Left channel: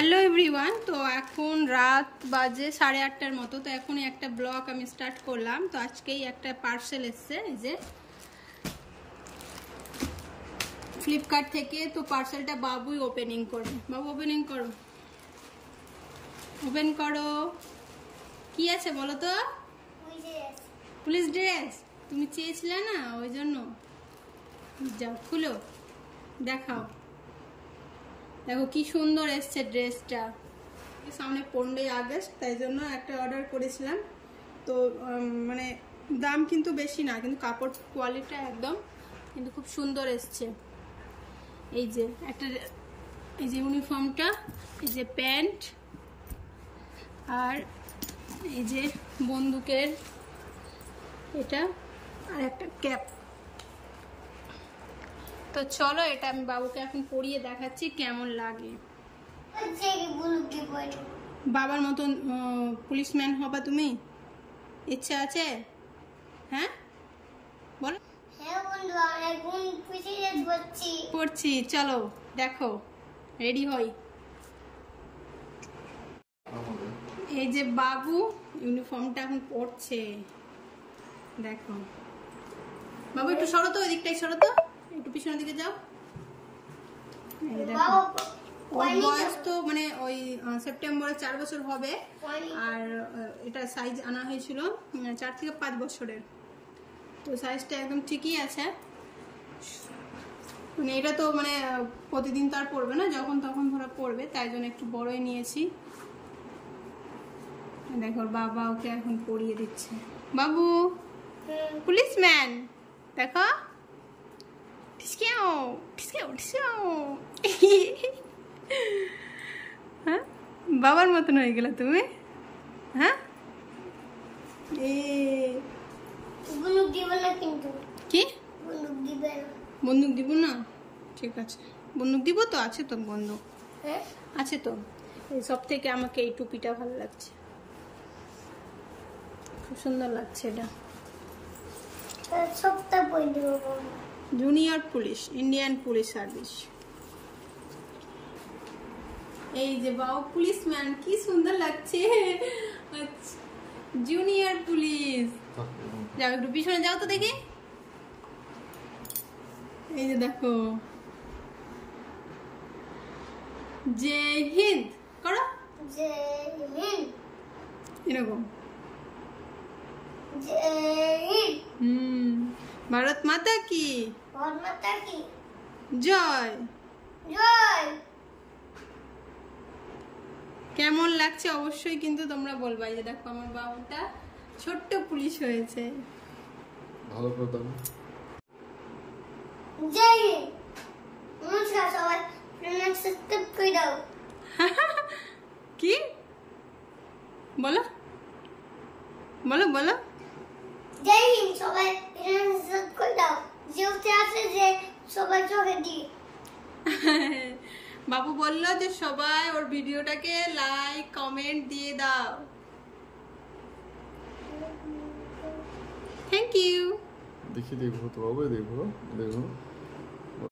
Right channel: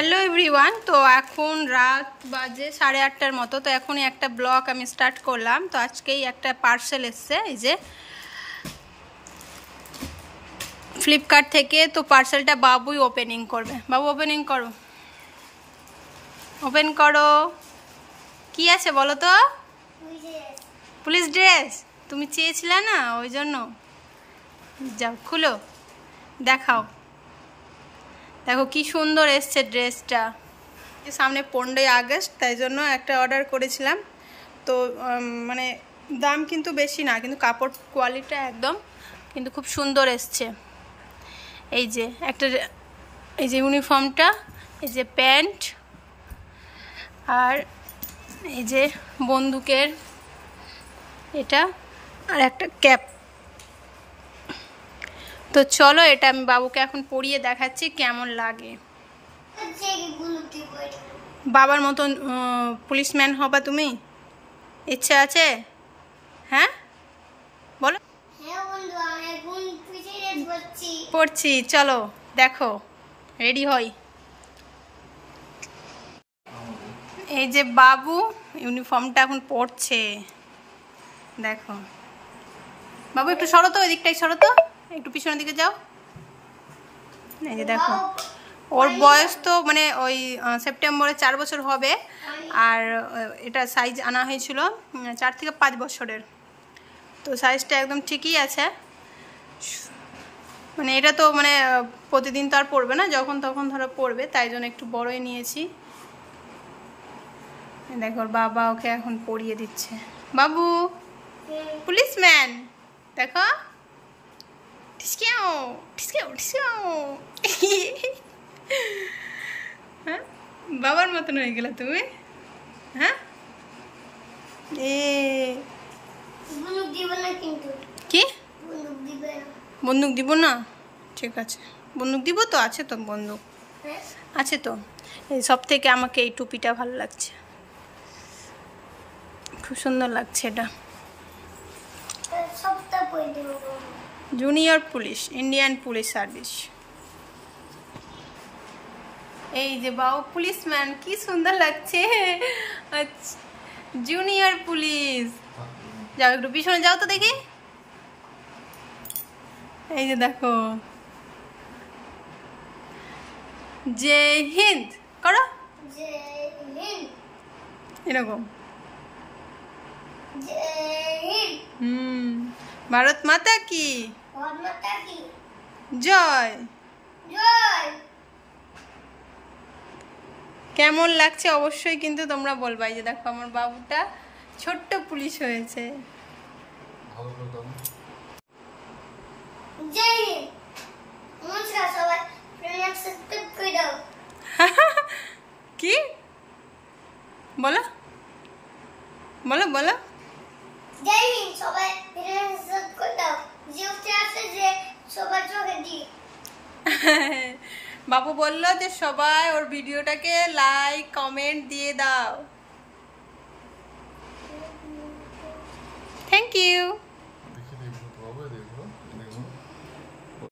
Hello everyone, তো এখন রাত বাজে 8:30টার মতো। তো এখনই একটা ব্লগ আমি স্টার্ট করলাম। তো আজকেই একটা পার্সেল এসছে, এই যে ফ্লিপকার্ট থেকে। তো পার্সেলটা বাবুই ওপেনিং করবে। বাবু ওপেনিং করো, ওপেন করো। কি আছে বলো তো? পুলিশ ড্রেস তুমি চেয়েছিলে না, ওই জন্য। যাও খুলো, দেখাও। দেখো কি সুন্দর এসছে ড্রেসটা। সামনে 15ই আগস্ট, তাই জন্য একটা অর্ডার করেছিলাম। তো মানে দাম কিন্তু বেশি না, কিন্তু কাপড় কোয়ালিটিটা একদম কিন্তু খুব সুন্দর এসছে। এই যে একটা, এই যে ইউনিফর্মটা, এই যে প্যান্ট, আর এই যে বন্দুকের এটা, আর একটা ক্যাপ। তো চলো এটা আমি বাবুকে এখন পরিয়ে দেখাচ্ছি কেমন লাগে। বাবার মতন পুলিশম্যান হবা তুমি? ইচ্ছা আছে? হ্যাঁ বলো। পড়ছি, চলো দেখো, রেডি হই। এই যে বাবু ইউনিফর্মটা এখন পড়ছে, দেখো। বাবু একটু সরো তো, ওই দিকটাই সরো তো, একটু পিছনের দিকে যাও। এই যে দেখো, ওর বয়স তো মানে ওই সেপ্টেম্বরে 4 বছর হবে। আর এটা সাইজ আনা হয়েছিল 4 থেকে 5 বছরের। তো সাইজটা একদম ঠিকই আছে। মানে এটা তো মানে প্রতিদিন তো আর পরবে না, যখন তখন ধরো পরবে, তাই জন্য একটু বড়ই নিয়েছি। দেখো ওর বাবা ওকে এখন পরিয়ে দিচ্ছে। বাবু পুলিশম্যান, দেখো। হ্যাঁ, বাবার মতন হয়ে গেল তুমি। হ্যাঁ, কি বন্দুক দিব না? ঠিক আছে, বন্দুক দিব তো, আছে তো বন্দুক, আছে তো। এই সব থেকে আমাকে এই টুপিটা ভালো লাগছে, খুব সুন্দর লাগছে এটা। Junior police, Indian police service. এই যে বাবু পুলিশম্যান, কি সুন্দর লাগছে। Junior police. যাও একটু পিছনে যাও তো দেখি। এই যে দেখো, জয় হিন্দ করো, এরকম। ভারত মাতা কি জয়। কেমন লাগছে অবশ্যই কিন্তু তোমরা বলবা। এই যে দেখো আমার বাবুটা ছোট্ট পুলিশ হয়েছে। কি বলো বলো বলো। বাবু বললো যে সবাই ওর ভিডিওটাকে লাইক কমেন্ট দিয়ে দাও। Thank you.